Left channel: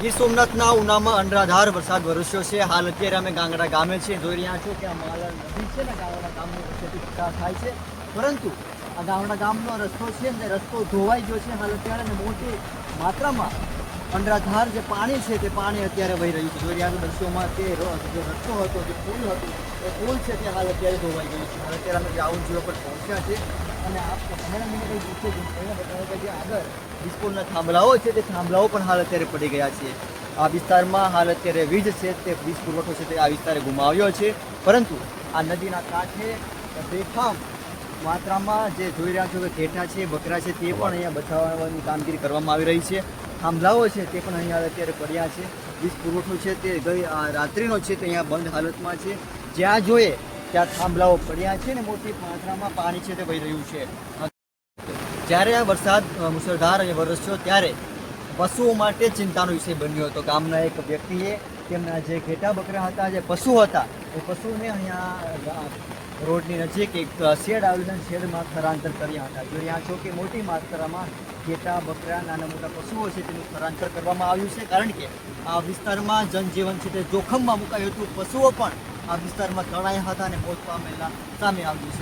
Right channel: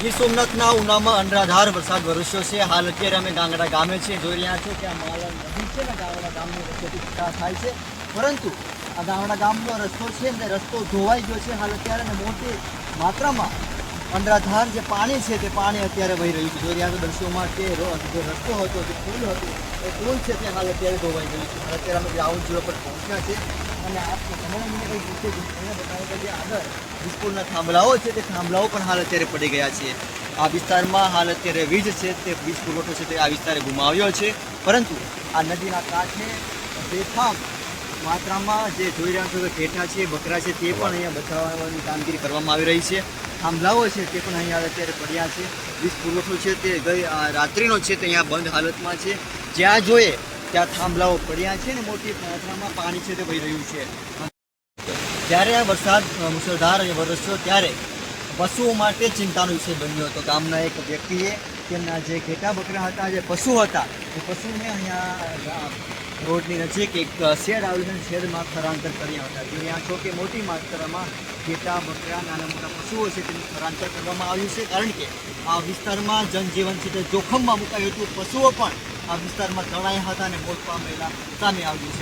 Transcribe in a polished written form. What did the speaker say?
ગીર સોમનાથના ઉનામાં અનરાધાર વરસાદ વરસ્યો છે। હાલ અત્યારે અમે ગાંગડા ગામે છે, જોઈ રહ્યા છો કે આ માલણ નદી છે ને ગાંગડા ગામની વચ્ચેથી પસાર થાય છે, પરંતુ આ ગાંગડા ગામનો રસ્તો છે ને રસ્તો ધોવાઈ ગયો છે હાલ અત્યારે, અને મોટી માત્રામાં અનરાધાર જે પાણી છે તે પાણી અત્યારે વહી રહ્યું છે। જોઈ રહ્યા છો દૃશ્યોમાં તે જે રસ્તો હતો, જે પુલ હતો, એ પુલ છે તે હાલ અત્યારે ધોવાઈ ગયું છે। હાલ અત્યારે અમે ગ્રાઉન્ડ ઝીરો પર પહોંચ્યા છે અને આ તમારા મને કંઈ પૂછે અહીંયા બતાવે કે જે આગળ વીજપોલના થાંભલાઓ છે તે થાંભલાઓ પણ હાલ અત્યારે પડી ગયા છે। આ વિસ્તારમાં હાલ અત્યારે વીજ છે તે વીજ પુરવઠો છે તે આ વિસ્તારે ગુમાવ્યો છે, પરંતુ આ નદીના કાંઠે બેફામ માત્રામાં જે જોઈ રહ્યા છો કે ઘેટા છે, બકરા છે, તે પણ અહીંયા બચાવવાની કામગીરી કરવામાં આવી રહી છે। થાંભલાઓ છે તે પણ અહીંયા અત્યારે પડ્યા છે। વીજ પુરવઠો છે તે ગઈ રાત્રિનો છે તે અહીંયા બંધ હાલતમાં છે। જ્યાં જોઈએ ત્યાં થાંભલાઓ પડ્યા છે ને મોટી માત્રામાં પાણી છે તે વહી રહ્યું છે। જ્યારે આ વરસાદ મુશળધાર વરસ્યો ત્યારે પશુઓ માટે ચિંતાનો વિષય બન્યો હતો। ગામના એક વ્યક્તિએ તેમના જે ઘેટા બકરા હતા, જે પશુ હતા, એ પશુને અહીંયા રોડની નજીક એક શેડ આવેલું શેડમાં સ્થળાંતર કર્યા હતા। જોઈ રહ્યા છો કે મોટી માત્રામાં ઘેટા બકરા નાના મોટા પશુઓ છે તેનું સ્થળાંતર કરવામાં આવ્યું છે, કારણ કે આ વિસ્તારમાં જનજીવન છે તે જોખમમાં મુકાયું હતું। પશુઓ પણ આ વિસ્તારમાં તણાયા હતા અને મોત પામેલા સામે આવ્યું છે।